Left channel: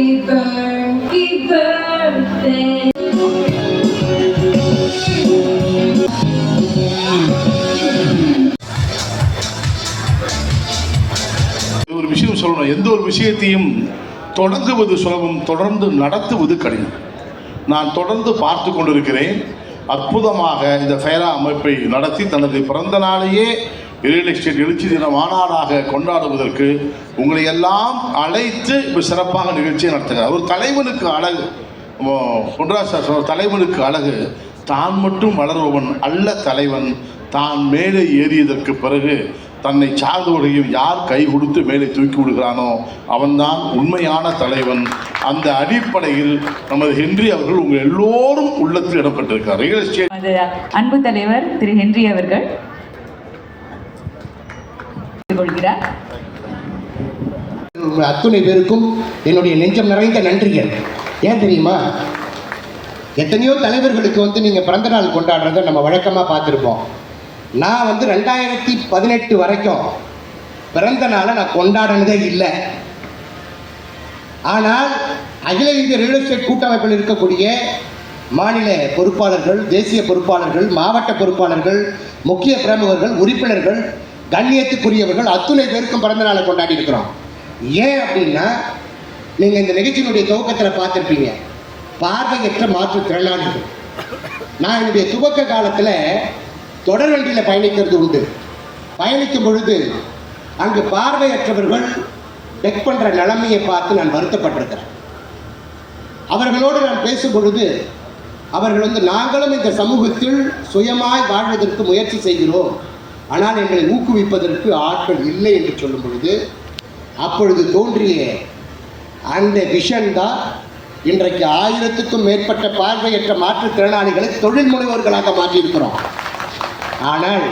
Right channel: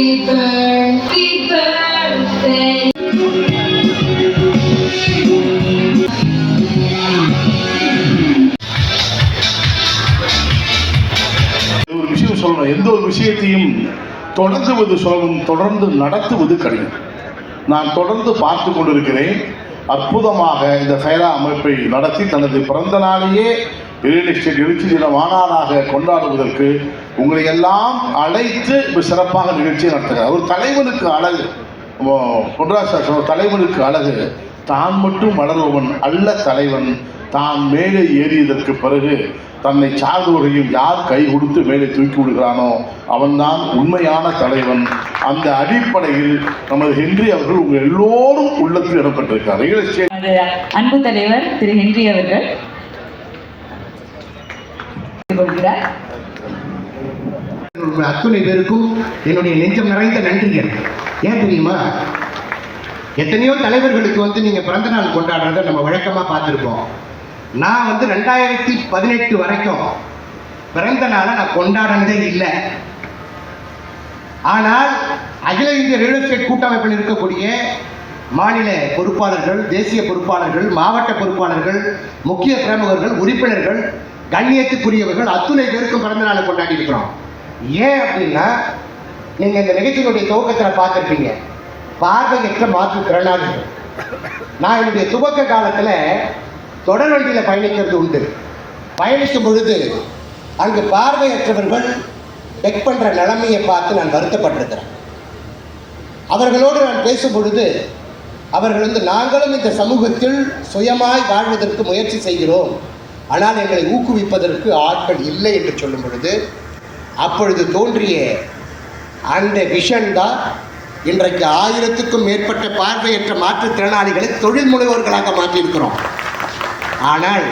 ஒரு விஷயம் சொல்லணும், எந்த ஒரு விஷயத்தையும் தொடங்குவது சுலபம், தொடர்ந்து நடத்துவது கடினம். நான் தொடர்ந்து பார்த்து கொண்டிருக்கிறேன். அற்புதமாக இந்த ஃபைரா அமைப்பை நடத்தி தனது பிறந்த நாளையே ரியல் எஸ்டேட் எழுச்சி தின மாநாடாக கொண்டாடுவதற்கு உங்களை எல்லாம் அழைத்து சிறப்பாக நிகழ்ச்சியை நடத்துகிறார். ஒரு தலைவனுக்கு அழகு, பொன்ராஜ் சார் தலைவனுக்கு அழகு தான் மட்டும் வளருபவன் அல்ல தலைவன், தான் மேலே ஏறியதற்கு பிறகு தன்னை சார்ந்தவர்களையும் யார் கை கொடுத்து மேலே தூக்கி விடுகிறானோ அவன்தான் உண்மையான தலைவன். அந்த அடிப்படையில் நமது ஹென்றி அவர்கள் உங்கள் எல்லோரும் உள்ளத்தில் இடம்பெற்றிருக்கிறார். ரியல் எஸ்டேட் அன்பு தலைவர் திரு ஹென்றி அவர்கள் அத்துணை பேருக்கும் என்னுடைய நெஞ்சம் நிறைந்த நன்றிகள். ஏன் தெரியுமா, எத்தனையோ தலைவர்களுக்கு நீங்க பிறந்த நாள் கொண்டாடுறத நம்ம வழக்கமா பார்த்துருப்போம். நான் 2018 வரைக்கும் பிறந்த நாளை நான் கொண்டாடினதே இல்லை. ஆனால் அகில இந்திய ரியல் எஸ்டேட் கூட்டமைப்பில் இருக்கக்கூடிய மாநில பொறுப்பாளர்கள், தேசிய பொறுப்பாளர்கள், மாவட்ட பொறுப்பாளர்கள், முக்கிய பிரமுகர்கள், உறுப்பினர்கள், கண்ணியத்துக்குரியவர்கள் அத்துணை பேருக்கும் பிறந்த நாளை கொண்டாடி இருக்கிறோம். ஏன் அப்படின்னா, நீங்க இந்த நிகழ்ச்சியினுடைய துவக்கத்தில் பார்த்துருப்பீங்க, பார்வையற்ற மாற்றுத்திறனாளிகள். நான் என்னுடைய துவக்க காலத்தில் தொடர் வண்டியில் பயணிக்கிறது உண்டு. பயணிக்கும் பொழுது அங்கு பார்வையற்றவர்கள் பெக் பண்ற நிலைமையை பார்த்து நான் வருத்தப்பட்டிருக்கிறேன். அவர்களோடு நான் பேசும் பொழுது அவர்கள் நாங்களும் இந்த சமூகத்தில் சுயமாய் வாழ்வதற்கு முயற்சி செய்கிறோம், ஆனால் எங்களை ஊக்குவிப்பதற்கு ஆட்கள் இல்லை என்று சொல்லும் பொழுது அப்பொழுது தோன்றிய அந்த விஷன் தான் இன்றைக்கு 1000க்கும் மேற்பட்ட பார்வையற்ற மாற்றுத்திறனாளிகளை தொழில் முனைவோர்களாக மாற்றியிருக்கிறோம். ஆனால்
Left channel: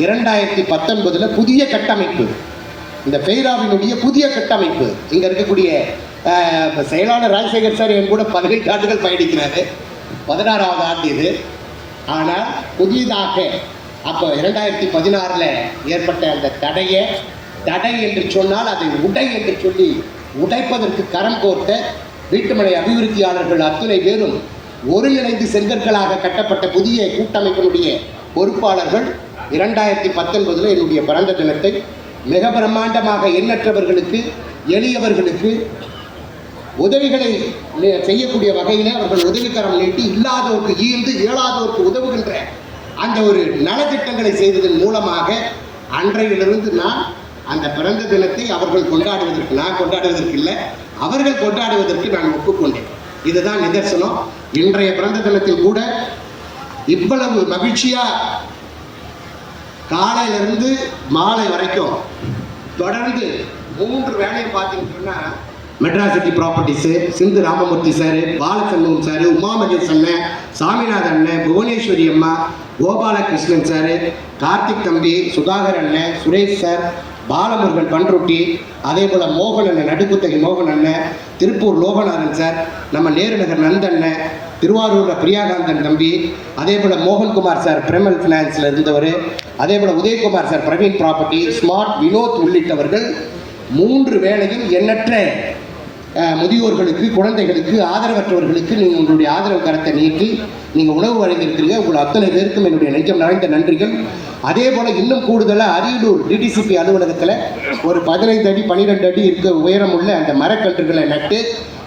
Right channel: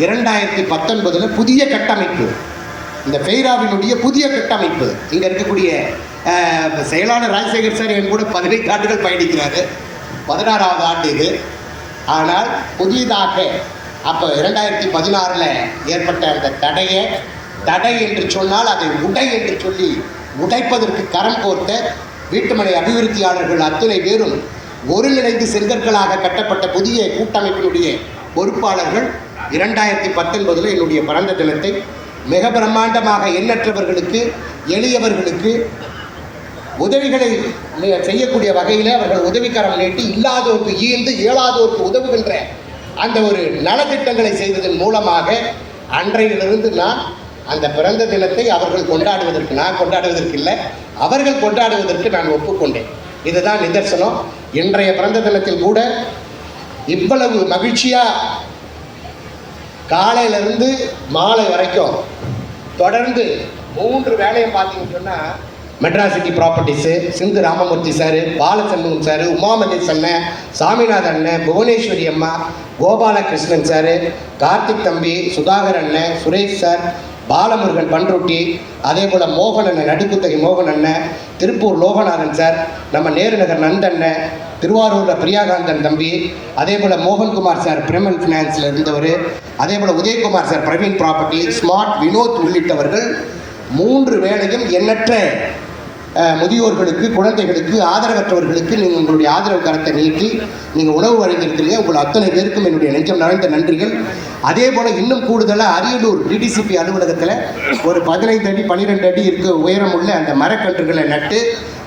2019 புதிய கட்டமைப்பு, இந்த ஃபெய்ராவினுடைய புதிய கட்டமைப்பு, இங்கே இருக்கக்கூடிய செயலாளர் ராஜசேகர் சார் என் கூட 15 ஆண்டுகள் பயணிக்கிறாரு, 16வது ஆண்டு இது. ஆனால் புதியதாக அப்போ 2016 ஏற்பட்ட அந்த தடை என்று சொன்னால் அதை உடை என்று சொல்லி உடைப்பதற்கு கரம் கோர்த்த வீட்டுமனை அபிவிருத்தியாளர்கள் அத்துணை பேரும் ஒருங்கிணைந்து செங்கற்களாக கட்டப்பட்ட புதிய கூட்டமைப்பினுடைய பொறுப்பாளர்கள் 2019 என்னுடைய பிறந்த தினத்தை மிக பிரம்மாண்டமாக எண்ணற்றவர்களுக்கு, எளியவர்களுக்கு உதவிகளை செய்யக்கூடிய வகையில் அவர்கள் உதவிக்கரம் நீட்டி இல்லாதோருக்கு ஈர்ந்து இயலாதோருக்கு உதவுகின்ற அந்த ஒரு நலத்திட்டங்களை செய்ததன் மூலமாக அன்றையிலிருந்து நான் அந்த பிறந்த தினத்தை அவர்கள் கொண்டாடுவதற்கு, நான் கொண்டாடுவதற்கு இல்லை, அவர்கள் கொண்டாடுவதற்கு நான் ஒப்புக்கொண்டேன். இதுதான் நிதர்சனம். இன்றைய பிறந்த தினத்தில் கூட இவ்வளவு மகிழ்ச்சியா காலையிலிருந்து மாலை வரைக்கும் தொடர்ந்து 3 வேலையை பார்த்தீங்கன்னு சொன்னா, மெட்ராஸ் சிட்டி ப்ராப்பர்ட்டிஸு, சிந்து ராமமூர்த்தி சார், பாலச்சந்திரன் சார், உமாமகேஷ் அண்ணன், சாமிநாதன் அண்ணன், புவனேஸ்வரி அம்மா, கோபாலகிருஷ்ணன் சார், கார்த்திக் தம்பி, சுதாகர் அண்ணன், சுரேஷ் சார், பாலமுருகன் பண்ருட்டி, அதே போல் மோகன் அண்ணன், நடுக்குத்தகை மோகன் அண்ணன், திருப்பூர் லோகநாதன் சார், நம்ம நேருநகர் நந்தண்ணன், திருவாரூரில் பிரியாகாந்தன் தம்பி, அதே போல் மோகன்குமார் சார் பிரிமல் ஃபினான்ஸில் இருந்தவர், அதே போல் Udhayakumar sir Praveen property, smart Vinod உள்ளிட்டவர்கள் 3 வேளையும் எண்ணற்ற முதியோர்களுக்கு, குழந்தைகளுக்கு, ஆதரவற்றவர்களுக்கு நீங்கள் உங்களுடைய ஆதரவு கரத்தை நீக்கி நீங்கள் உணவு வழங்கியிருக்கிறீங்க. உங்கள் அத்தனை பேருக்கும் என்னுடைய நெஞ்சம் நிறைந்த நன்றிகள். அதே போல் இன்னும் கூடுதலாக அரியலூர் டிடிசிபி அலுவலகத்தில் ஒரு 15 அடி 12 அடி இருக்க உயரமுள்ள அந்த மரக்கன்றுகளை நட்டு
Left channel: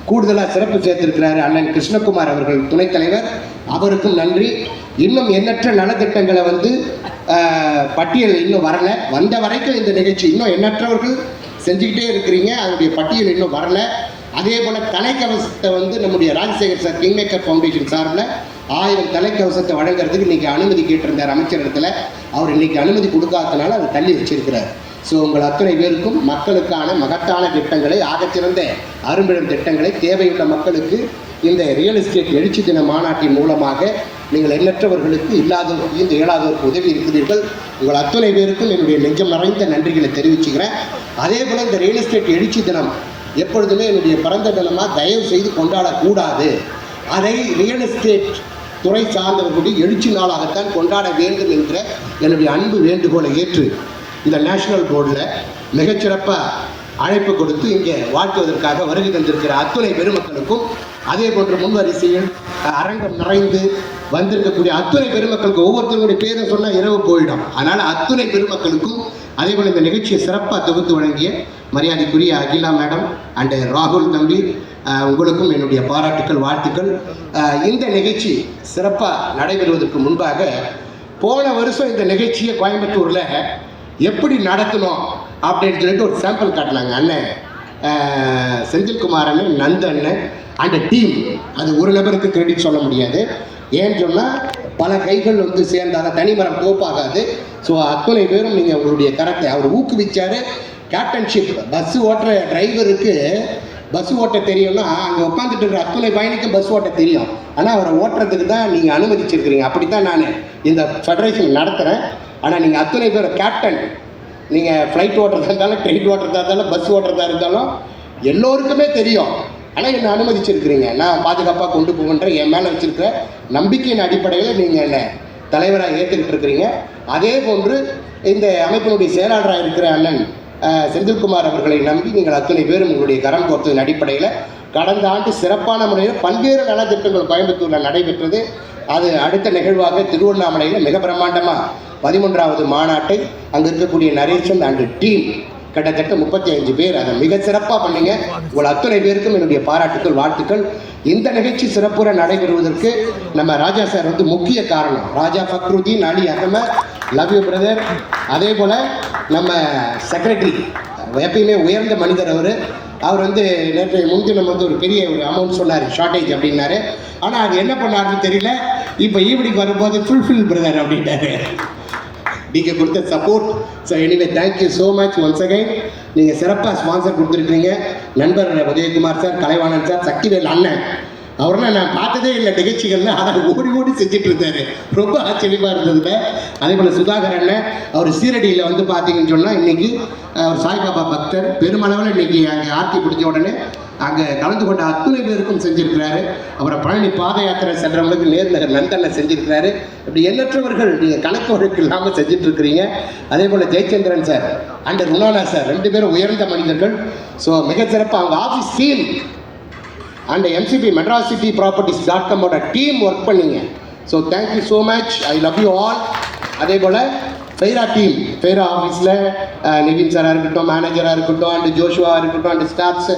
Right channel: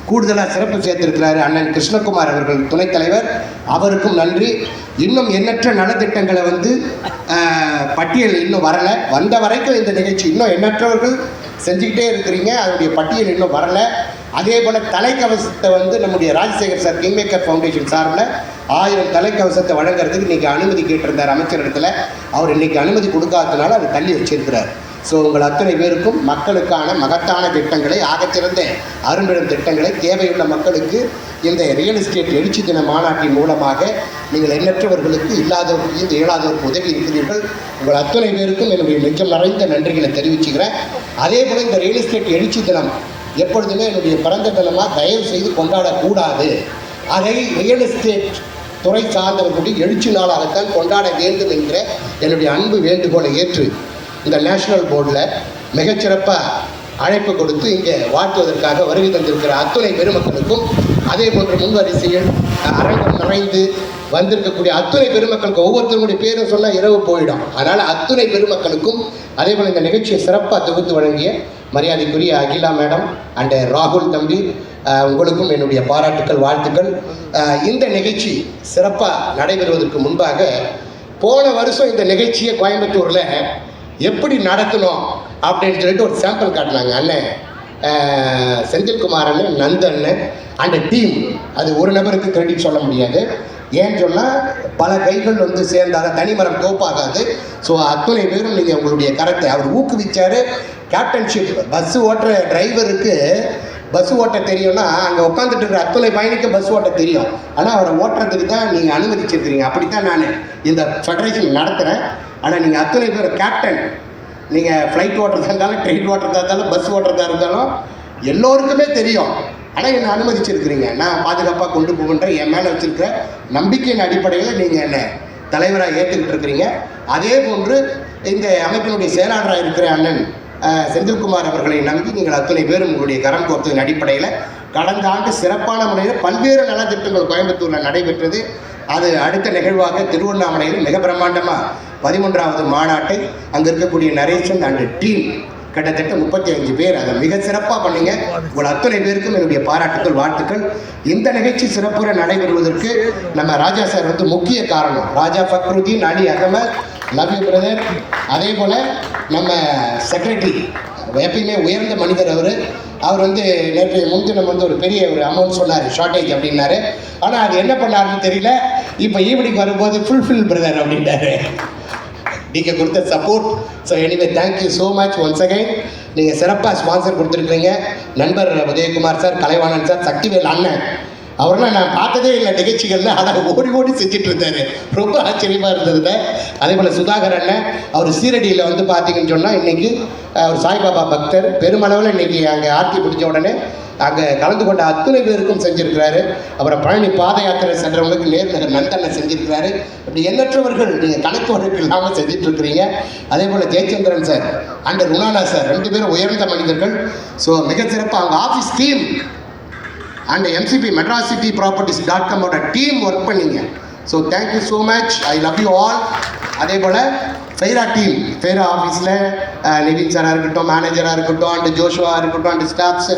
கூடுதலாக சிறப்பு சேர்த்திருக்கிறார் அண்ணன் கிருஷ்ணகுமார் அவர்கள் துணைத் தலைவர், அவருக்கும் நன்றி. இன்னும் எண்ணற்ற நலத்திட்டங்களை பட்டியல் இன்னும் வரலை, வந்த வரைக்கும் இந்த நிகழ்ச்சி இன்னும் எண்ணற்றவர்கள் செஞ்சுக்கிட்டே இருக்கிறீங்க, அதனுடைய பட்டியல் இன்னும் வரலை. அதே போல் தலைக்கவசத்தை நம்முடைய ராஜசேகர் சார் கிங்மேக்கர் ஃபவுண்டேஷன் சார்பில் 1000 தலைக்கவசத்தை வழங்குறதுக்கு இன்றைக்கி அனுமதி கேட்டிருந்தார் அமைச்சரிடத்தில். அவர் இன்றைக்கி அனுமதி கொடுக்காததுனால அதை தள்ளி வச்சிருக்கிறார். ஸோ உங்கள் அத்தனை பேருக்கும் மக்களுக்கான மகத்தான திட்டங்களை, ஆகச்சிறந்த அரும்பிடம் திட்டங்களை தேவையுள்ள மக்களுக்கு இந்த ரியல் எஸ்டேட் எழுச்சி தின மாநாட்டின் மூலமாக நீங்கள் எண்ணற்றவர்களுக்கு, இல்லாதவர்களுக்கு, இந்த இயலாதவருக்கு உதவி இருக்கிறீர்கள். உங்கள் அத்தனை பேருக்கும் என்னுடைய நெஞ்சம் நிறைந்த நன்றிகளை தெரிவிச்சுக்கிறேன். அதே போல் இந்த ரியல் எஸ்டேட் எழுச்சி தினம் எப்பொழுதுமே என்னுடைய பிறந்த தினமாக தயவு செய்து கொண்டாடக்கூடாது. அதை ரியல் எஸ்டேட் துறை சார்ந்தவர்களுடைய எழுச்சி நாளாகத்தான் கொண்டாட வேண்டும் என்ற என்னுடைய அன்பு வேண்டுகோளை ஏற்று இந்த நேஷனல் போர்டில் மிகச்சிறப்பாக அழைப்பு கொடுத்து இங்கே வாழ்த்துவதற்காக வருகை தந்திருக்கிற அத்துணை பெருமக்களுக்கும், அதே போன்ற முன்வரிசையில் அரங்கம் நிறைந்து வந்திருக்கக்கூடிய அத்துணை பெருமக்களுக்கு ஒவ்வொருத்தருடைய பேரை சொன்னால் இரவு போயிடும். அதனால் அத்துணை பெருமக்களுக்கும், அதே போல் இந்த நிகழ்ச்சியை சிறப்பாக தொகுத்து வழங்கிய மரியாதைக்குரிய அகிலா மேடம் அண்ட் ராகுல் தம்பி, உங்களுக்கும் என்னுடைய பாராட்டுக்கள், வாழ்த்துக்கள். இந்த நிகழ்ச்சி சிறப்பாக நடைபெறுவதற்கு முன்பாக போன வருஷம் இந்த நிகழ்ச்சியை கோயம்புத்தூரில் எப்படி நடத்தணும் அப்படின்னு சொல்லிட்டு ஒரு சாம்பிள் காட்டினாங்க அண்ணன் செந்தில்குமார் அண்ணன், நந்தண்ணன் அண்ட் டீம். அது ஒரு நபருக்கு கிரெடிட் சொல்ல முடியாது. ஏன்னு சொன்னால் பல கைகள் வந்து சேர்ந்தால் தனிமரம் தோப்பாகாது. ஸோ அத்துணை பேரும் நீங்கள் உங்களுடைய கரத்தை அவர் ஊக்குவிச்சார். கேப்டன்ஷிப் பஸ்ஸு ஓட்டுற டிரைவருக்கு பஸ் ஓட்ட தெரியும்னா அங்கே உட்காந்துட்டு இருக்கிற அத்துணை பயணிக்கும் பஸ் ஓட்ட தெரியும். ஆனால் அவரை ஓட்டுறதுக்கு தான் நீங்கள் அனுமதிச்சிருக்கிறீங்க. அப்படி தான் நான் இந்த ஃபெடரேஷன் நடத்துகிறேன். ஆனால் நீங்கள் அத்துணை பேர் கேப்டன், நீங்கள் ஃப்ளைட் ஓட்டுறதா இருந்தாலும், ட்ரெயின் ஓட்டுறதா இருந்தாலும், பஸ் ஓட்டுறதா இருந்தாலும் எல்லோருக்குமே தெரியும். ஆனால் என்னை அனுமதிச்சிருக்கிறீங்க. நான் பாதுகாப்பாக கொண்டு போகின்ற என் மேலே வச்சுருக்கிற நம்பிக்கையின் அடிப்படையில் நீங்கள் என்னை தலைவராக ஏற்றுக்கிட்டு இருக்கிறீங்க. அதே போன்று இந்த அமைப்பினுடைய செயலாளராக இருக்கிற அண்ணன் செந்தில்குமார் அவர்களை நம்பி நீங்கள் அத்தனை பேரும் உங்களுடைய கரம் கோர்த்ததன் அடிப்படையில் கடந்த ஆண்டு சிறப்பான முறையில் பல்வேறு நலத்திட்டங்கள் கோயம்புத்தூரில் நடைபெற்றது. அது அடுத்த நிகழ்வாக திருவண்ணாமலையில் மிக பிரம்மாண்டமாக 13வது மாநாட்டை அங்கே இருக்கக்கூடிய நரேசன் அண்ட் டீம் கிட்டத்தட்ட 35 பேர் அதை மிக சிறப்பாக பண்ணீங்க. உங்கள் அத்தனை பேருக்கும் என்னுடைய பாராட்டுக்கள், வாழ்த்துக்கள். இந்த நிகழ்ச்சி சிறப்புற நடைபெறுவதற்கு நம்ம ராஜா சார் வந்து முக்கிய காரணம். ராஜா ஃபக்ருதீன் அலி அகமத், லவ் யூ பிரதர். அதே போல் நம்ம செக்ரட்டரி எப்பயுமே உயர்ந்த மனிதர் அவர் வந்து நேற்று முன்தினம் வந்து ஒரு பெரிய ஒரு அமௌண்ட் சொன்னார், ஷார்ட்டேஜ் அப்படின்னாரு. ஆனால் அது என்ன பண்ணாருன்னு தெரியல. இப்போ ஈவினிங் வரும்போது ஃபுல்ஃபில் பிரதர் அப்படின்னாரு. நீங்கள் கொடுத்த support. So anyway thank you so much once again. நீங்கள் சிறப்பாக ஸ்பான்சர் கொடுத்துருக்கீங்க. நண்பர் உதயகுமார் சார், கலைவாணன் சார், சக்திவேல் அண்ணன், அவரெல்லாம் நான் பார்த்ததே இல்லை நிகழ்ச்சிகளில். அதை ஓடி ஓடி செஞ்சுட்டு இருந்தார். ரொம்ப ஆச்சரியமாக இருந்ததுங்க. அதே போல் சுதாகர் அண்ணன், அவர் சீரடியில் வந்து பார்த்தீங்கன்னு சொன்னால் இன்றைக்கி அவர் சாய்பாபா பக்தர். பெருமளவில் இன்றைக்கி அங்கே ஆர்த்தி பிடிச்ச உடனே அங்கே கலந்து கொண்ட அத்துணை பேருக்கும் செஞ்சுருக்கிறாரு. அப்புறம் பழனி பாத யாத்திரை சென்றவங்களுக்கு நேர்நகர் நந்தனை செஞ்சுருக்கிறாரு. இப்படி எண்ணற்றவர்கள் நீங்கள் கணக்கு வழக்கு இல்லாமல் செஞ்சிட்ருக்கிறீங்க. அதே போல் ஜெயச்சந்திரன் சார் அண்ட் ருலானா சார் 2 பேரும் உயர்ந்த மனிதர்கள். ஸோ மிகச்சிறப்பாக அவங்க office team and MCP Madras city properties dot com team work பண்ணிங்க. So thank you so much. I love you all. அதே போல் ஃபெய்ரா டீம், ஃபெய்ரா ஆஃபீஸில் நிவின் சாராக இருக்கட்டும், மேனேஜராக இருக்கட்டும், அண்டு ஜோஷுவாக இருக்கட்டும், அண்டு ஸ்டாஃப்ஸ்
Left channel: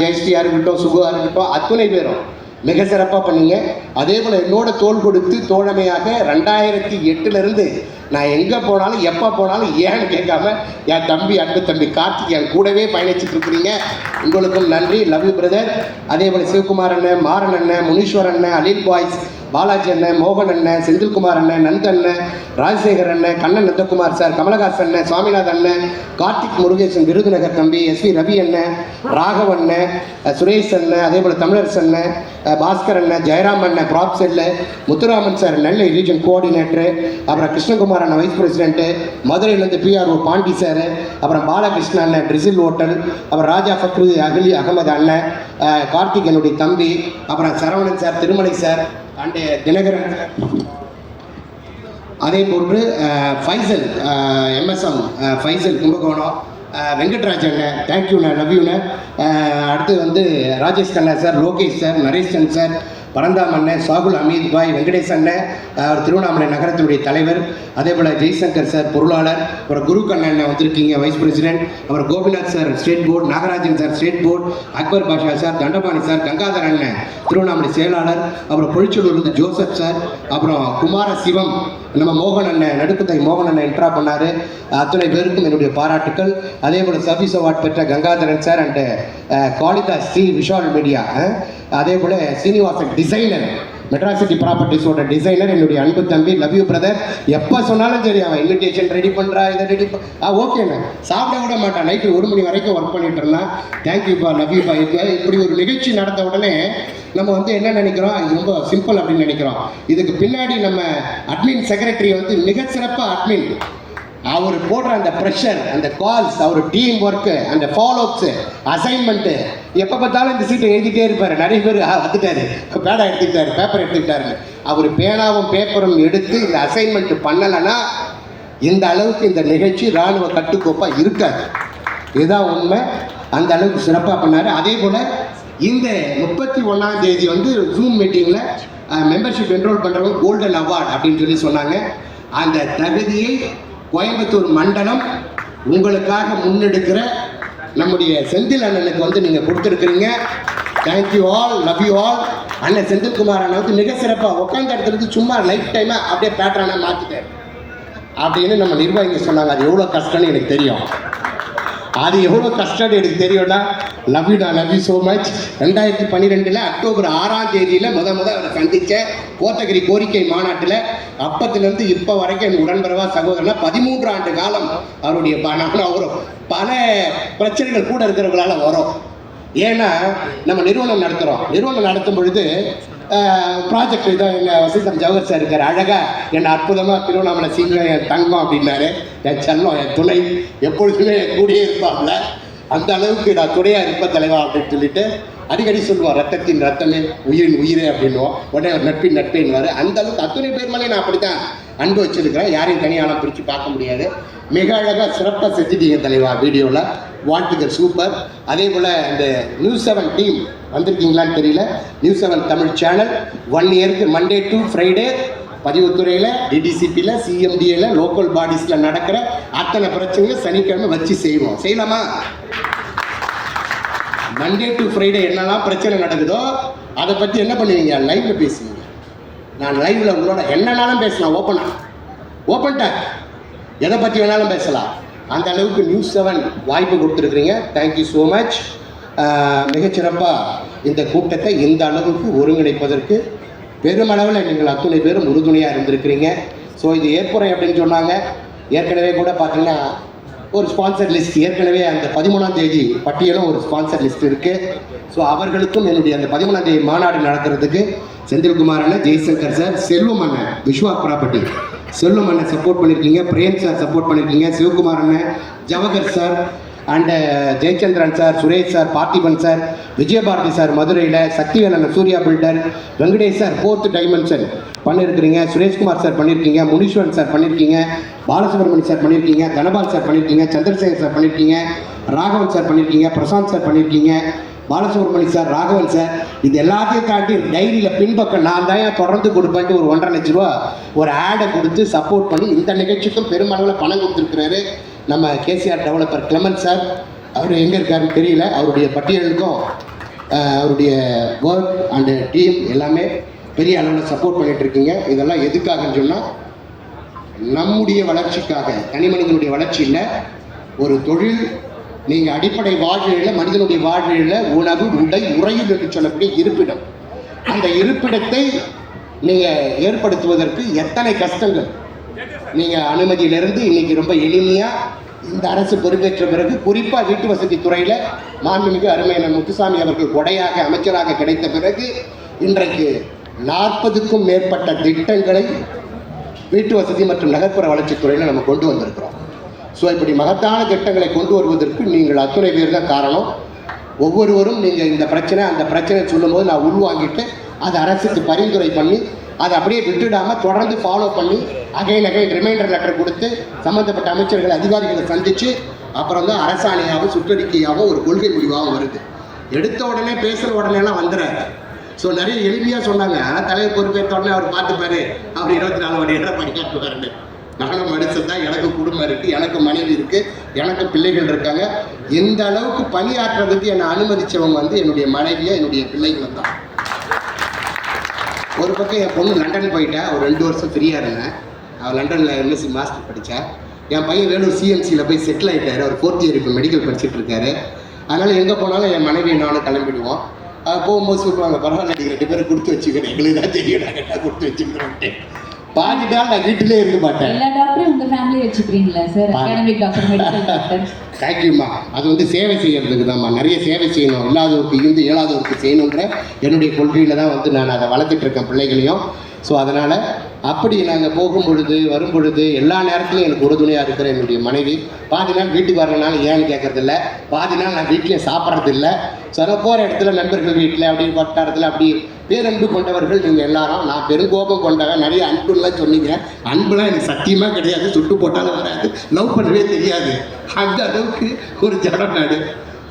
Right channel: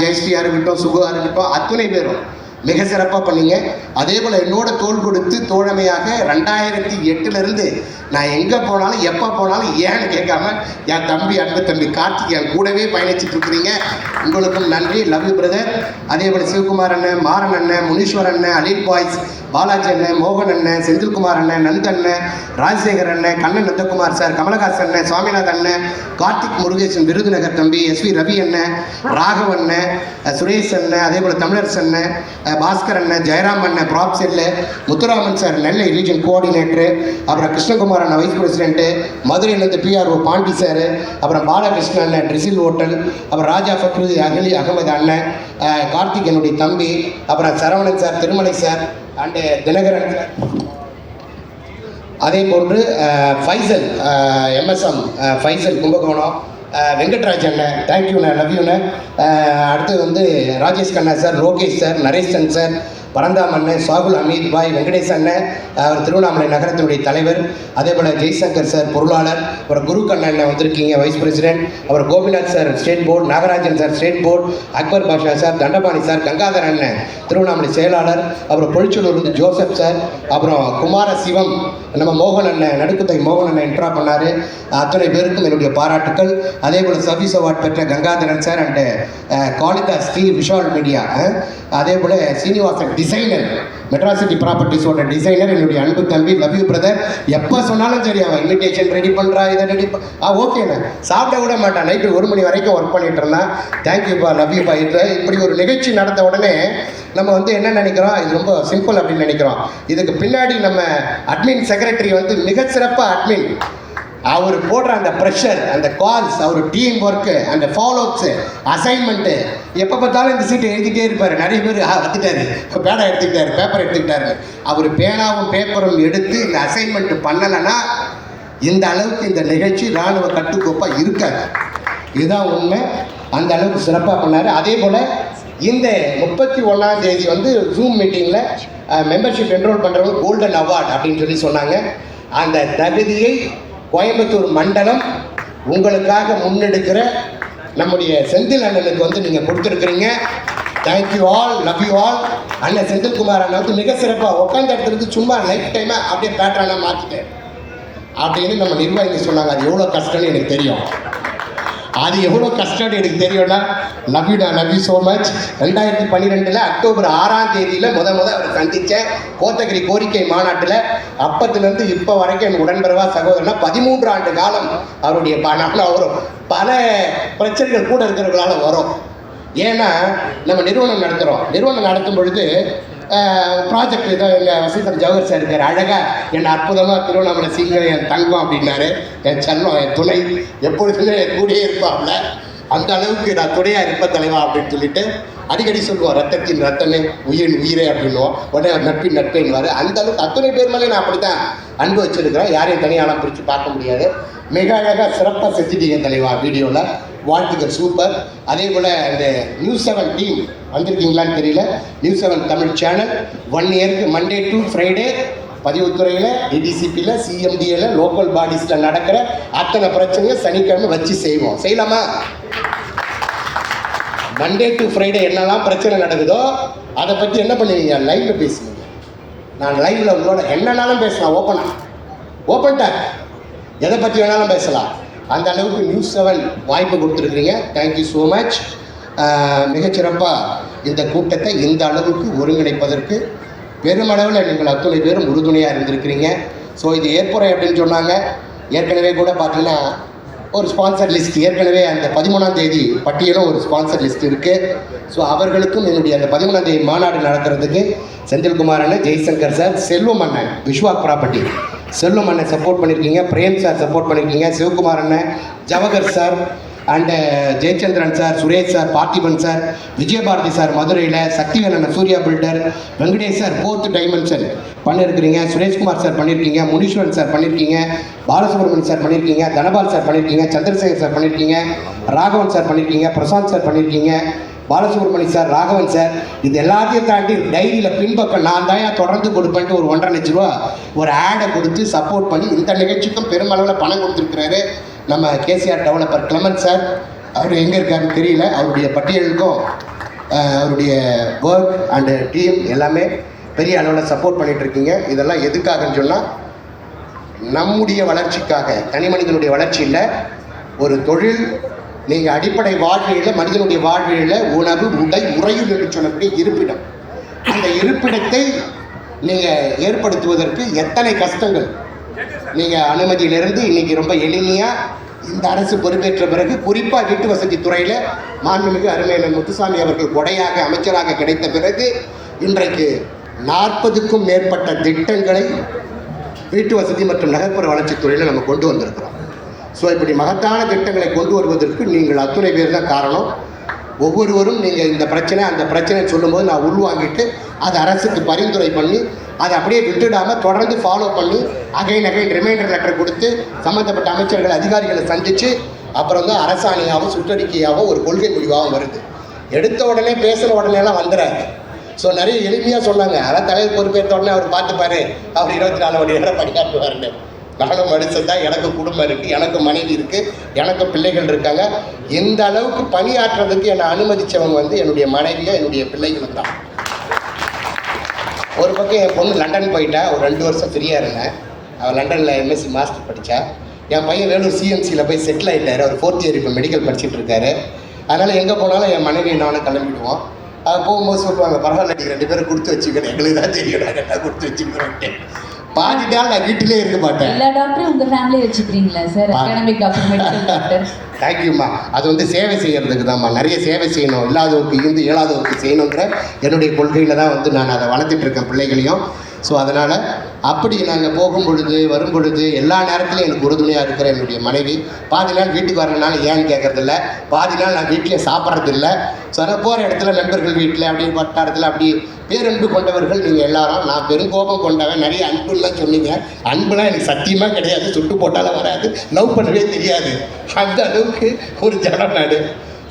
ஜெயஸ்ரீயாக இருக்கட்டும், சுகுவாக இருக்கட்டும், அத்தனை பேரும் மிக சிறப்பாக பண்ணீங்க. அதே போல் என்னோட தோள் கொடுத்து தோழமையாக 2008 நான் எங்கே போனாலும் எப்போ போனாலும் ஏன்னு கேட்காம என் தம்பி, அன்பு தம்பி கார்த்திக் என் கூடவே பயணிச்சுட்டு இருக்கிறீங்க. உங்களுக்கும் நன்றி. Love you brother. அதே போல் சிவகுமார் அண்ணன், மாறன் அண்ணன், முனீஸ்வர் அண்ணன், அலில் பாய்ஸ், பாலாஜி அண்ணன், மோகன் அண்ணன், செந்தில்குமார் அண்ணன், நந்தண்ணன், ராஜசேகர் அண்ணன், கண்ணன் நந்தகுமார் சார், கமலஹாசன் அண்ணன், சுவாமிநாதன் அண்ணன், கார்த்திக் முருகேசன், விருதுநகர் தம்பி, SV ரவி அண்ணன், ராகவ் அண்ணன், சுரேஷ் அண்ணன், அதே போல் தமிழரசு அண்ணன், பாஸ்கர் அண்ணன், ஜெயராம் அண்ணன், ப்ராப் செல்லு, முத்துராமன் சார் நெல்லை ரீஜன் கோஆர்டினேட்டரு, அப்புறம் கிருஷ்ணகுமார் அண்ணன் வைஸ் பிரசிடென்ட்டு, மதுரையிலேருந்து PRO பாண்டி சார், அப்புறம் பாலகிருஷ்ணன் அண்ணன் ட்ரிசில் ஹோட்டல், அப்புறம் ராஜா ஃபக்ரு அகலி அகமது அண்ணன், கார்த்திக் என்னுடைய தம்பி, அப்புறம் Saravanan sir, Thirumalai sir and Dinakaran, அதே போன்று ஃபைசல் MSM ஃபைசல் கும்பகோணம், வெங்கட்ராஜ் அண்ணன், தேங்க்யூண்ணே, லவ் யூண்ணே. அடுத்து வந்து Rajesh Kanna sir, Lokesh sir, Nareshan sir, Paranthaam அண்ணன், சாகுல் அமீத் பாய், வெங்கடேஷ் அண்ணன், அவர் திருவண்ணாமலை நகரத்தினுடைய தலைவர், அதே போல் ஜெய்சங்கர் சார் பொருளாளர், அப்புறம் குரு கண்ணன் வந்திருக்கீங்க வைஸ் பிரசிடென்ட், அப்புறம் Gopinath sir state board, Nagarajan sir state board, Akbar Basha sir, Dandapani sir, Gangadhar அண்ணன் திருவண்ணாமலை செயலாளர், அப்புறம் பொழிச்சூரிலிருந்து ஜோசப் சார், அப்புறம் குமார சிவம் நம்ம மோகன் அண்ணன், நடுக்குத்தை மோகன் அண்ணன் என்ட்ரா பண்ணார். அத்தனை பேருக்கும் என்னுடைய பாராட்டுக்கள். அதே போல் சர்வீஸ் அவார்ட் பெற்ற Gangadharan sir and Kalitha Sri Vishal media, அதே போல் சீனிவாசன் டிசைனர், மெட்ராஸ் சிட்டி ப்ராப்பர்ட்டிஸோட டிசைனர், என்னுடைய அன்பு தம்பி, லவ் யூ பிரதர். எப்போ சொன்னாலும் சரி, அவன் இன்விடேஷன் ரெடி பண்ணுறா, இதை ரெடி ஓகேண்ணா, சாப்பிட விட மாட்டான். நைட்டு 1 மணி வரைக்கும் ஒர்க் பண்ணிட்டு இருந்தான். தேங்க்யூப்பா, லவ் யூப்பா. இப்படி ஒரு நிகழ்ச்சி நடந்த உடனே நம்ம வந்து என்ன நினைக்கிறோம், இது ரொம்ப சிம்பிள் அப்படின்னு நினைக்கிறோம். இதுக்கு பின்னாடி நம்ம அட்மின் செக்ரட்டரி வந்து மிக சிறப்பாக அட்மின், அவர் போடுற அந்த ப்ரெஷர், அந்த கால்ஸ், அவர் டீம் ஒர்க்கு, அந்த ஃபாலோஅப்ஸு, அசைன்மெண்ட்டு, எப்போ பார்த்தாலும் இந்த சீட்டை எழுதிட்டே இருப்பார். நிறைய பேர் வந்துட்டாரு, பேனா எடுத்துக்கிட்டாரு, பேப்பர் எடுத்துக்கிட்டாரு. அவர் பேனாவும் பேப்பரும் எடுத்து இந்த அசைன்மெண்ட் பண்ணலைன்னா இந்த அளவுக்கு இந்த நிகழ்ச்சி இராணுவ கட்டுக்கோப்பாக இருக்காது. இதுதான் உண்மை. அந்த அளவுக்கு சிறப்பாக பண்ணார். அதே போல் இந்த 31ஆம் தேதி வந்து ஜூம் மீட்டிங்கில் மெம்பர்ஷிப் என்ரோல் பண்ணுறவங்க கோல்டன் அவார்டு அப்படின்னு சொன்னாங்க. அந்த தகுதியை கோயம்புத்தூர் மண்டலம் உங்களுக்காக முன்னெடுக்கிற நம்முடைய செந்தில் அண்ணனுக்கு வந்து நீங்கள் கொடுத்துருக்குறீங்க. Thank you all, love you all. அண்ணன் செந்தில்குமார் அண்ணன் வந்து மிக சிறப்பாக உட்காந்த இடத்துல இருந்து சும்மா லைஃப் டைமாக அப்படியே பேட்டர்னாக மாற்றிட்டேன் அப்படின்னு நம்ம நிர்வாகிங்க சொன்னாங்க. அது எவ்வளோ கஷ்டம்னு எனக்கு தெரியும். அது எவ்வளோ கஷ்டம்னு எனக்கு தெரியும்னா love you so much. 2012 October 6ஆம் தேதியில் அவரை சந்தித்தேன் கோத்தகிரி கோரிக்கை மாநாட்டில். அப்பத்துலேருந்து இப்போ வரைக்கும் என் உடன்பிறவா சகோதரனா 13 ஆண்டு காலம் அவருடைய அவரும் பல பிரச்சனைகள் கூட இருக்கிறவங்களால வரும். ஏன்னா நம்ம நிறுவனம் நடத்தும் பொழுது ப்ராஜெக்ட் இதை எங்கள் வசந்தம் ஜவஹர் சார் இருக்கார். அழகாக என் அற்புதமாக திருவண்ணாமலை சிங்கம் என் தங்கம் அப்படின்னாரு. என் செல்லம் என் துணை எப்பொழுதுமே கூடியே இருப்பாப்ல. அந்த அளவுக்கு நான் துணையாக இருப்ப தலைவா அப்படின்னு சொல்லிட்டு அடிக்கடி சொல்லுவோம். ரத்தத்தின் ரத்தமே, உயிரின் உயிரே அப்படின்வோம். உடனே நட்பின் நட்பேன்வார். அந்த அளவுக்கு அத்தனை பேர் மேலே நான் அப்படி தான் அன்பு வச்சிருக்கிறேன். யாரையும் தனியாலாம் பிரித்து பார்க்க முடியாது. மிக அழகாக சிறப்பாக செஞ்சுட்டீங்க தலைவா வீடியோவில். வாழ்த்துக்கள், சூப்பர். அதே போல் இந்த நியூஸ் 7 டீம் வந்திருக்கீங்களான்னு தெரியல. நியூஸ் 7 தமிழ் சேனல் 1 இயருக்கு மண்டே டு ஃப்ரைடே பதிவுத்துறையில், டிடிசிபியில், சிஎம்டியில், லோக்கல் பாடிஸில் நடக்கிற அத்தனை பிரச்சனையும் சனிக்கிழமை வச்சு செய்யலாமா? மண்டே டு ஃப்ரைடே என்னெல்லாம் பிரச்சனை நடக்குதோ அதை பற்றி என்ன பண்ணுவீங்க? லைவில் பேசுவீங்க. நான் லைவில் உங்களோட என்னன்னாலும் பேசலாம். ஓப்பன்ட்டா எதை பற்றி வேணாலும் பேசலாம். அந்த அளவுக்கு நியூஸ் 7 வாய்ப்பு கொடுத்துருக்குறீங்க. Thank you so much. மிகச்சிறப்பாக இந்த கூட்டத்தை இந்த அளவுக்கு ஒருங்கிணைப்பதற்கு பெருமளவில் நீங்கள் அத்துணை பேரும் உறுதுணையாக இருந்திருக்கிறீங்க. ஸோ இது ஏற்புரை அப்படின்னு சொன்னாங்க. ஏற்கனவே கூட பார்த்தீங்கன்னா ஒரு ஸ்பான்சர் லிஸ்ட் ஏற்கனவே அந்த 13ஆம் தேதி பட்டியலும் ஒரு ஸ்பான்சர் லிஸ்ட் இருக்குது. ஸோ அவர்களுக்கும் என்னுடைய அந்த 13ஆம் தேதி மாநாடு நடத்துறதுக்கு செந்தில்குமார் அண்ணன், ஜெய்சங்கர் சார், செல்வம் அண்ணன், விஸ்வா ப்ராப்பர்ட்டி செல்வம் அண்ணன் சப்போர்ட் பண்ணியிருக்கீங்க, பிரேம் சார் சப்போர்ட் பண்ணியிருக்கீங்க, சிவகுமார் அண்ணன், Jawahar sir and Jayachandran sir, Suresh sir, Parthiban sir, Vijayabharathi sir மதுரையில், சக்திவேல் அண்ணன் Surya builder, Venkatesh sir 4th dimension பண்ணியிருக்கிறீங்க, சுரேஷ்குமார் சார் பண்ணியிருக்கீங்க, முனீஸ்வரன் சார் பண்ணியிருக்கீங்க, பாலசுப்ரமணியம் சார் பண்ணியிருக்கீங்க, தனபால் சார் பண்ணியிருக்கீங்க, சந்திரசேகர் சார் பண்ணியிருக்கீங்க, ராகவன் சார் பண்ணியிருக்கீங்க, பிரசாந்த் சார் பண்ணியிருக்கீங்க, பாலசுப்ரமணியம் சார், ராகவன் சார். இது எல்லாத்தையும் தாண்டி டைரியில் பின்பக்கம் நான் தான் தொடர்ந்து கொடுப்பேன்ட்டு ஒரு 1.5 லட்ச ரூபா ஒரு ஆடை கொடுத்து சப்போர்ட் பண்ணி இந்த நிகழ்ச்சிக்கும் பெருமளவில் பணம் கொடுத்துருக்கிறாரு நம்ம கேசிஆர் டெவலப்பர் கிளமன் சார். அவர் எங்கே இருக்காருன்னு தெரியல. அவருடைய பட்டியலுக்கும் அவருடைய ஒர்க் அண்டு டீம் எல்லாமே பெரிய அளவில் சப்போர்ட் பண்ணிகிட்ருக்கீங்க. இதெல்லாம் எதுக்காகன்னு சொன்னால் நம்முடைய வளர்ச்சிக்காக, தனி மனிதனுடைய வளர்ச்சி இல்லை, ஒரு தொழில். நீங்கள் அடிப்படை வாழ்வியலில், மனிதனுடைய வாழ்வியலில் உணவு, உடை, உறையில் என்று சொல்லக்கூடிய இருப்பிடம். இந்த இருப்பிடத்தை நீங்கள் ஏற்படுத்துவதற்கு எத்தனை கஷ்டங்கள். நீங்கள் அனுமதியிலிருந்து இன்றைக்கி ரொம்ப எளிமையாக இந்த அரசு பொறுப்பேற்ற பிறகு குறிப்பாக வீட்டு வசதி துறையில் மாண்புமிகு அருமையான முத்துசாமி அவர்கள் கொடையாக அமைச்சராக கிடைத்த பிறகு இன்றைக்கு 40க்கும் மேற்பட்ட திட்டங்களை வீட்டு வசதி மற்றும் நகர்ப்புற வளர்ச்சித்துறையில் நம்ம கொண்டு வந்திருக்கிறோம். ஸோ இப்படி மகத்தான திட்டங்களை கொண்டு வருவதற்கு நீங்கள் அத்துணை பேர் தான் காரணம். ஒவ்வொருவரும் நீங்கள் இந்த பிரச்சனை அந்த பிரச்சனை சொல்லும்போது நான் உள்வாங்கிட்டு அதை அரசுக்கு பரிந்துரை பண்ணி அதை அப்படியே விட்டுடாமல் தொடர்ந்து ஃபாலோ பண்ணி அகைன் ரிமைண்டர் லெட்டர் கொடுத்து சம்மந்தப்பட்ட அமைச்சர்கள் அதிகாரிகளை சந்தித்து அப்புறம் வந்து அரசாணையாகவும் சுற்றறிக்கையாகவும் ஒரு கொள்கை முடிவாகவும் வருது. எடுத்த உடனே பேசுகிற உடனேலாம் வந்துடாது. ஸோ நிறைய எளிமையாக சொன்னாங்க. அதான் தலைவர் பொறுப்பேற்ற உடனே அவர் பார்த்துப்பாரு, அவர் 24 மணி நேரம் பணியாற்றுவாருன்னு. நானும் மனுஷன் தான், எனக்கு குடும்பம் இருக்குது, எனக்கு மனைவி இருக்குது, எனக்கு பிள்ளைகள் இருக்காங்க. எந்த அளவுக்கு பணியாற்றுறதுக்கு என்னை அனுமதித்தவங்க வந்து என்னுடைய மனைவியை, என்னுடைய பிள்ளைகள் தான். ஒரு பக்கம் என் பொண்ணு லண்டன் போயிட்டா, ஒரு 2 வருஷம் ஃப்ரீயாக இருந்தேன். அவள் லண்டனில் எம்எஸ்சி மாஸ்டர் படித்தா. என் பையன் வேணும் சிஎம்சியில் போய் செட்டில் ஆகிட்டார். அவர் 4th இயர் இப்போ மெடிக்கல் படிச்சுட்டு இருக்காரு. அதனால் எங்கே போனாலும் என் மனைவி நானும் கிளம்பிடுவோம். அது போகும்போது சொல்லுவாங்க, பரவாயில்ல நீங்கள் 2 பேரும் கொடுத்து வச்சுக்கிறேன், எங்களுக்கு தான் தெரியும் நாங்கள் கொடுத்து வச்சுக்கிறோன்ட்டு. பாதி நாள் நான் வீட்டிலே இருக்க மாட்டேன். எல்லா டாக்டரும் உங்கள் ஃபேமிலியை வச்சுக்கிறீங்களா sir? Academic doctor, medical doctor. தேங்க்யூம்மா. அது வந்து சேவை செய்கிறதுக்கு தான்மா. நிறைய சேவை செய்யணும், இல்லாதவருக்கு இருந்து இயலாதவருக்கு செய்யணுங்கிற என்னுடைய கொள்கையில் தான் வந்து நான் அதை வளர்த்துட்டு இருக்கேன் பிள்ளைகளையும். ஸோ அதனால் அப்படி நாங்கள் போகும் பொழுது வரும் பொழுது எல்லா நேரத்துலையும் எனக்கு உறுதுணையாக இருக்கிற என்னுடைய மனைவி. பாதி நாள் வீட்டுக்கு வரனால ஏன்னு கேட்கறதில்ல, பாதி நாள் நான் வீட்டிலே சாப்பிட்றதில்ல. ஸோ அதை போகிற இடத்துல நண்பர்கள் வீட்டில் அப்படி வட்டாரத்தில் அப்படி பேரன்பு கொண்டவர்கள் நீங்கள் எல்லாரும். நான் பெருங்கோபம் கொண்டவன், நிறைய அன்புலாம் சொன்னீங்க. அன்புலாம் எனக்கு சத்தியமாக கிடையாது, சுட்டு போட்டாலும் வராது, லவ் பண்ணவே தெரியாது. அந்த அளவுக்கு ஒரு ஜனம் நாடு.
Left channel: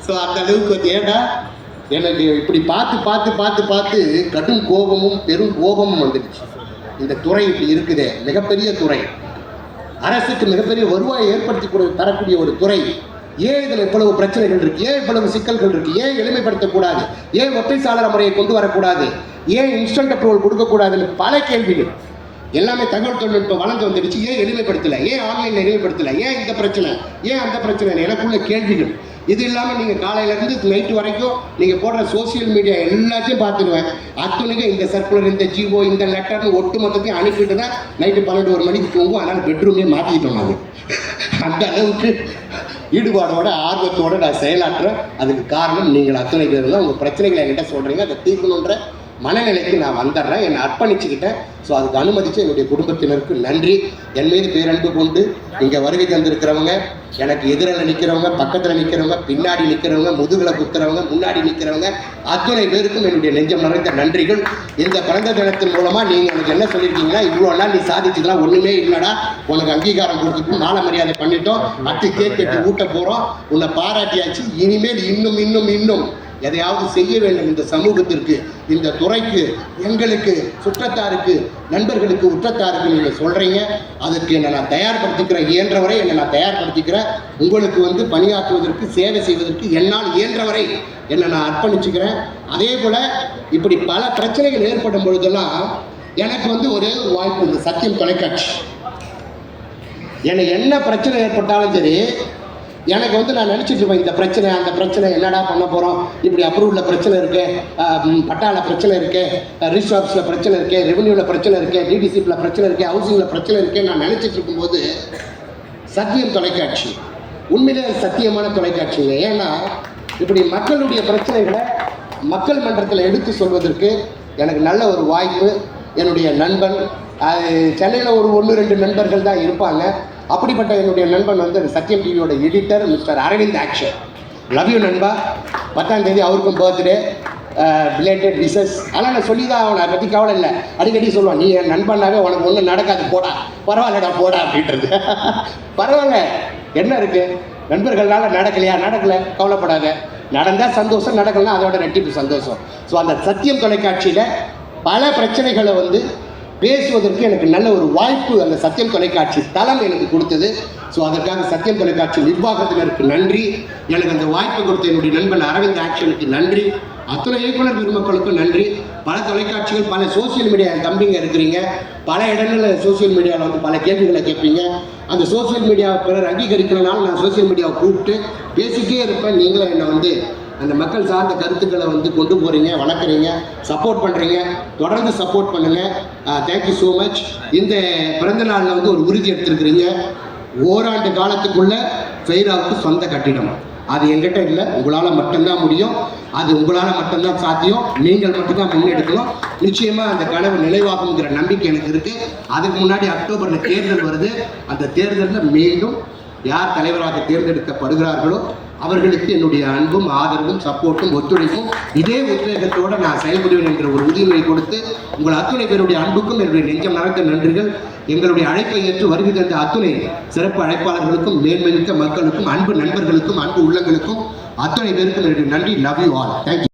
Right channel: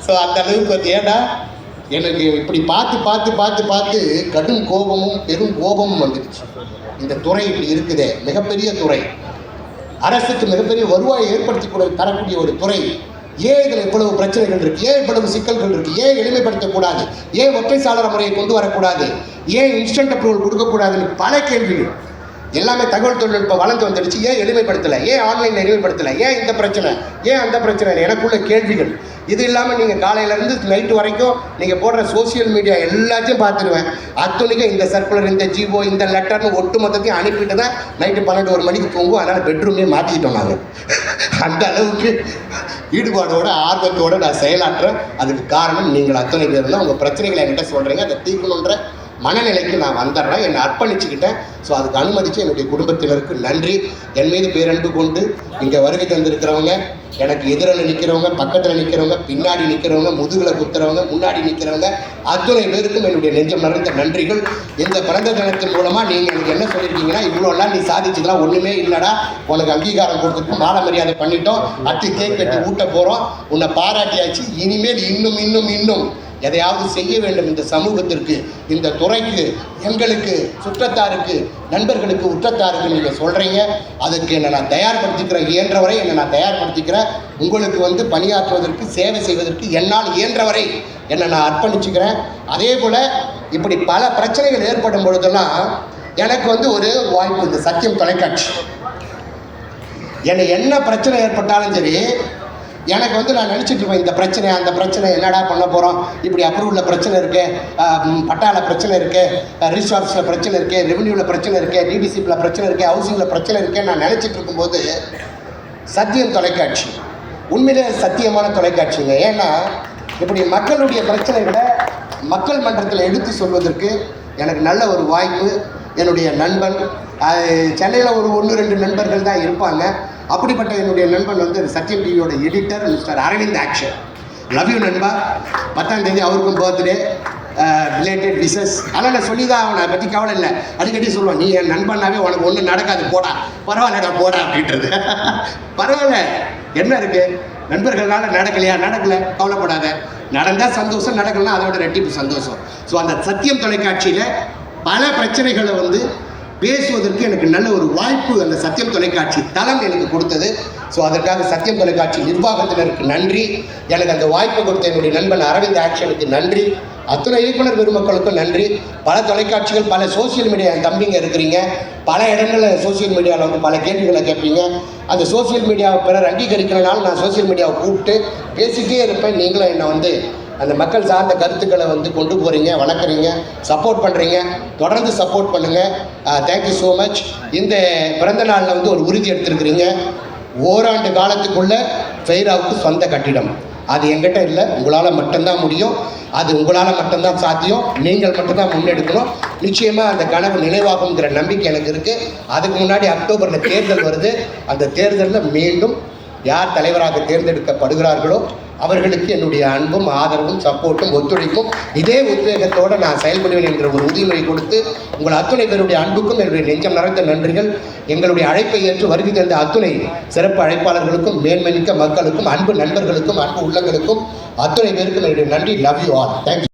ஸோ அந்த அளவுக்கு வந்து ஏன்னா எனக்கு இப்படி பார்த்து பார்த்து பார்த்து பார்த்து கடும் கோபமும் பெரும் கோபமும் வந்துடுச்சு. இந்த துறை இப்படி இருக்குதே, மிகப்பெரிய துறை, அரசுக்கு மிகப்பெரிய வருவாயை ஏற்படுத்தி தரக்கூடிய ஒரு துறை, ஏன் இதில் இவ்வளவு பிரச்சனைகள் இருக்கு, ஏன் இவ்வளவு சிக்கல்கள் இருக்கு, ஏன் எளிமைப்படுத்தக்கூடாது, ஏன் ஒற்றை சாளர முறையை கொண்டு வரக்கூடாது, ஏன் இன்ஸ்டன்ட் அப்ரூவல் கொடுக்கக்கூடாதுன்னு பல கேள்விகள். எல்லாமே தகவல் தொழில்நுட்பம் வளர்ந்து வந்துடுச்சு, ஏன் எளிமைப்படுத்தலை, ஏன் ஆன்லைனில் எளிமைப்படுத்தலை, ஏன் இந்த பிரச்சனை, ஏன் அந்த பிரச்சனை, எனக்குள்ள கேள்விகள். இது இல்லாமல் நீங்கள் காலையிலேருந்து நைட்டு வரைக்கும் நீங்கள் போடுற சோசியல் மீடியா எல்லாத்தையும் பார்த்துடுவேன். அத்தனைக்கும் இந்த சர்க்குலர், இந்த ஜிஓ, இந்த லெட்டர்னு ஒட்டு மொத்தத்தையும் அனுப்பிட்டு தான் நைட்டு 12 மணிக்கு தூங்கும். அதனால் பெட்ரூமே மாற்றிக்கிட்டோம் நாங்கள். அந்த அளவுக்கு ஈடுபாடோட ஆர்வத்தோடு நான் செயலாற்றுறேன். அதுக்கு காரணம் நீங்கள் அத்தனை பேர் தான். உங்கள் பிரச்சனைகளை என்கிட்ட சொல்கிறீங்க, அதை தீர்க்கணுன்ற மனநிலைக்கு நான் வந்துடுறேன், என்னை அர்ப்பணிச்சுக்கிட்டேன். ஸோ அதுக்கு அனுமதித்து என்னுடைய குடும்பத்தினருக்கு நன்றி. என் மீது பேரன்பு கொண்டு இங்கே வருகை தந்திருக்கிறவங்க, எனக்கு எதிரில் நிற்கிறவங்க, பக்கத்தில் நிற்கிறவங்க, பின்னாடி நிற்கிறவங்க, முதுகில் குத்துறவங்க, முன்னாடி நிற்கிறவங்க, அத்தனை பேருக்கும் என்னுடைய நெஞ்சம் நிறைந்த நன்றிகள். இந்த பிறந்த தினத்தின் மூலமாக நீங்கள் எனக்கு என்ன சொல்லியிருக்கீங்கன்னா, இவ்வளோ நாள் நீ சாதிச்சுக்கலாம், ஒன்றுமே இல்லைடா, உனக்கு அங்கீகாரம் கொடுத்துட்டு மாலை மரியாதை பண்ணிட்டோம், அத்து கேக் வெட்டி ஊட்ட போகிறோம், உன்னை பாராட்டியாச்சு, இனிமேல் இன்னும் இன்னும் இன்னும் எதையாவது செய்ய வேண்டும் இந்த சமூகத்திற்கு, இந்த துறைக்கு, எங்களுக்கு, சுற்றத்தாருக்கு, நண்பர்களுக்கு, உற்றத்தாருக்கு நீங்கள் சொல்கிறீங்க. அதுக்கு என்னை நான் தயார்படுத்திக்கிறேன், இயன்றவரை என்னை நான் தயார்படுத்திக்கிறேன். உங்களுக்கு வந்து பணியாற்றுவதற்கு, சேவை செய்வதற்கு என்னால் இயன்றவரை என்னை நான் அர்ப்பணிச்சுக்கிறேன். அதே போல் இப்படி பல பிரச்சனைகள் ஏற்படும் பொழுதெல்லாம் எனக்கு வந்து ஒரு வாய்ப்பு, இந்த சத்தியம் தொலைக்காட்சி. என்னை என்ன பிரச்சனை ஏற்பட்டாலும் சரி, எனக்கு வந்து நான் நினச்சிட்டு இருப்பேன், இந்த பிரச்சனை அந்த பிரச்சனை என்னடா பண்ண போகிறோம், இப்படி அப்ரூவலில் பிரச்சனை இருக்குது, பட்டாவில் பிரச்சனை இருக்குது, ரிஜிஸ்டர் ஆஃபீஸில் பிரச்சனை இருக்குது, ரெவன்யூவில் பிரச்சனை இருக்குது, டிடிசிபியில் பிரச்சனை இருக்குது, ஹவுசிங்கில் பிரச்சனை இருக்குது. நான் நினச்சிட்டு இருக்கும்போது சத்தியம் தொலைக்காட்சி உண்மையிலே சத்தியமான தொலைக்காட்சிங்க. ஏன்னா இப்படி மக்களுடைய பிரச்சனைகளை மக்கள் மன்றத்தில் எடுத்து சொல்வதற்கு எனக்கு நல்ல ஒரு வாய்ப்பு. என்னுடைய நண்பன் சென்னையில் ஒரு 1-2 நண்பர்கள் தான் இருப்பாங்க. அப்படிப்பட்ட என்னுடைய நண்பன் வந்து சத்யம் டிவியோட editor mister Aravind action. Love you நண்பா. 10ஆம் தேதி அவருக்கும் பர்த்டே, ரிலேட்டட் விஷஸ். ஆனால் நான் சொல்லி தான் அவனை பற்றி கவலை இல்லை, அடிக்கடி சொல்லுவான், நீ என் நண்பனாவே உனக்கு ஒன்றும் நடக்காது, போடா, பரவாயில்லடா போடா அப்படின்றது. பரவாயில்ல, என்ன இருக்குது, நண்பர்களால் நடக்கலையா, நடக்கலை, கவலைப்படாத, நடந்தால் சந்தோஷம், நடக்கலாம் அதோட ரெட்டிப்பு சந்தோஷம். ஸோ அந்த சத்தியம் தொலைக்காட்சியில் பல பிரச்சனைகளை வந்து பேசுவதற்கு எனக்கு நல்ல ஒரு வாய்ப்பு அந்த சத்தியம் தொலைக்காட்சி தளம் எனக்கு கொடுத்தது. ஸோ அதற்காக சத்தியம் தொலைக்காட்சி நிர்வாகத்தினருக்கு நன்றி. எனக்கு அந்த வாய்ப்பு கொடுத்த என்னுடைய நண்பன் அரவிந்த் ஆக்ஷனுக்கு நன்றி. அத்துணை இயக்குனர் பெருமக்களுக்கும் நன்றி. பல தொலைக்காட்சிகள், பல சோசியல் மீடியா தம்பிங்க இருக்கிறீங்க, பல இடங்களில் சோசியல் மீடியாவில் வந்து பல கேள்விகளை கேட்பீங்க. அந்த சோசியல் மீடியாவை பிறர் அங்கீகரிக்கிறனால நான் சோசியல் மீடியாவை கூப்பிட்டு பேசிக்கிட்டே இருப்பேன். நீங்களும் என்னை வந்து அந்த மக்கள் சார்ந்த கருத்துக்களை வந்து கொண்டு போகிறீங்க, வணங்குறீங்க, சப்போர்ட் பண்ணுறீங்க. தொடர்ந்து சப்போர்ட் பண்ணுங்கள். Thank you so much. இந்த பிறந்த நாளில் வந்து ஒரு உறுதி எடுத்திருக்கிறீங்க, ஓராண்டு காலத்துக்குள்ளே ஃபெய்ராவுக்கு சொந்த கட்டிடம். அது எங்கிட்ட இல்லை, உங்களால் மட்டும்தான் முடியும், அது உங்களால் மட்டும்தான் சாத்தியம், நீங்கள் மட்டும்தான் முன்னெடுக்கணும். நிச்சயமாக அந்த கனவு நினைவாகுங்கிற நம்பிக்கை எனக்கு இருக்குது. அதுக்கு முன்னாடி அக்டோபரில் தேர்தல் வருது. அந்த தேர்தலில் மீண்டும் யார் தலைவராக தேர்ந்தெடுக்கப்படுகிறார்களோ அவர்களுக்கு என்னுடைய அன்பும் ஆதரவும் சப்போர்ட்டும் ஒத்துழைப்பும் இதே உத்வேகத்தோடு நான் செயல்படுவேன் என்ற ஒரு உறுதிமொழி கொடுத்து உங்கள் அத்துணை பேருடைய அன்புக்கும் என்னுடைய நெஞ்சம் நிறைந்த நன்றிகள். எங்களுடைய அழைப்பை ஏற்று வருகை தந்த அத்துணை சிறப்பு அழைப்பாளர்களுக்கும், மேன்மைமிக்க மக்களுக்கும், அன்பு நண்பர்களுக்கும், அன்பு உள்ளங்களுக்கும் அத்துணை பேருக்கும் என்னுடைய நன்றி. Love you all. தேங்க்யூ.